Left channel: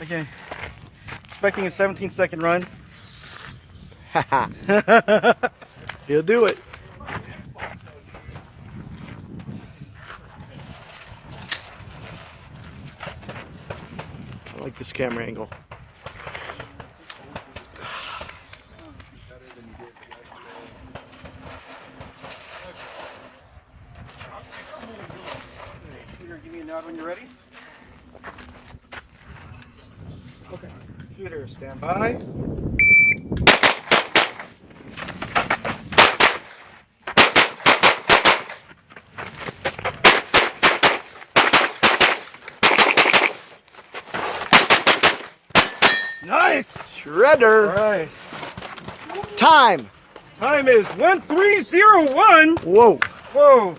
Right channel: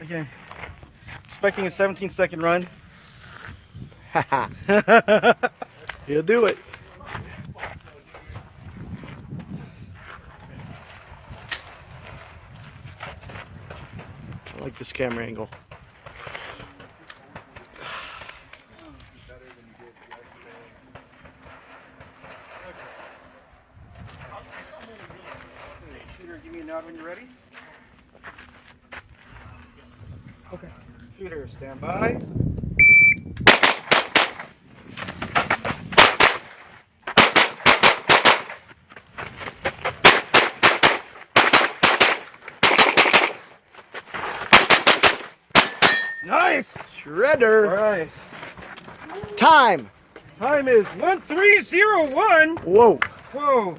Again, expecting a 17-second run. He'll do it. I like this camera angle. Shooter, give me a nod when you're ready. Okay. Shooter, stand by. Nice! Shredder. All right. Time. Time is 1301. Whoa. Whoa.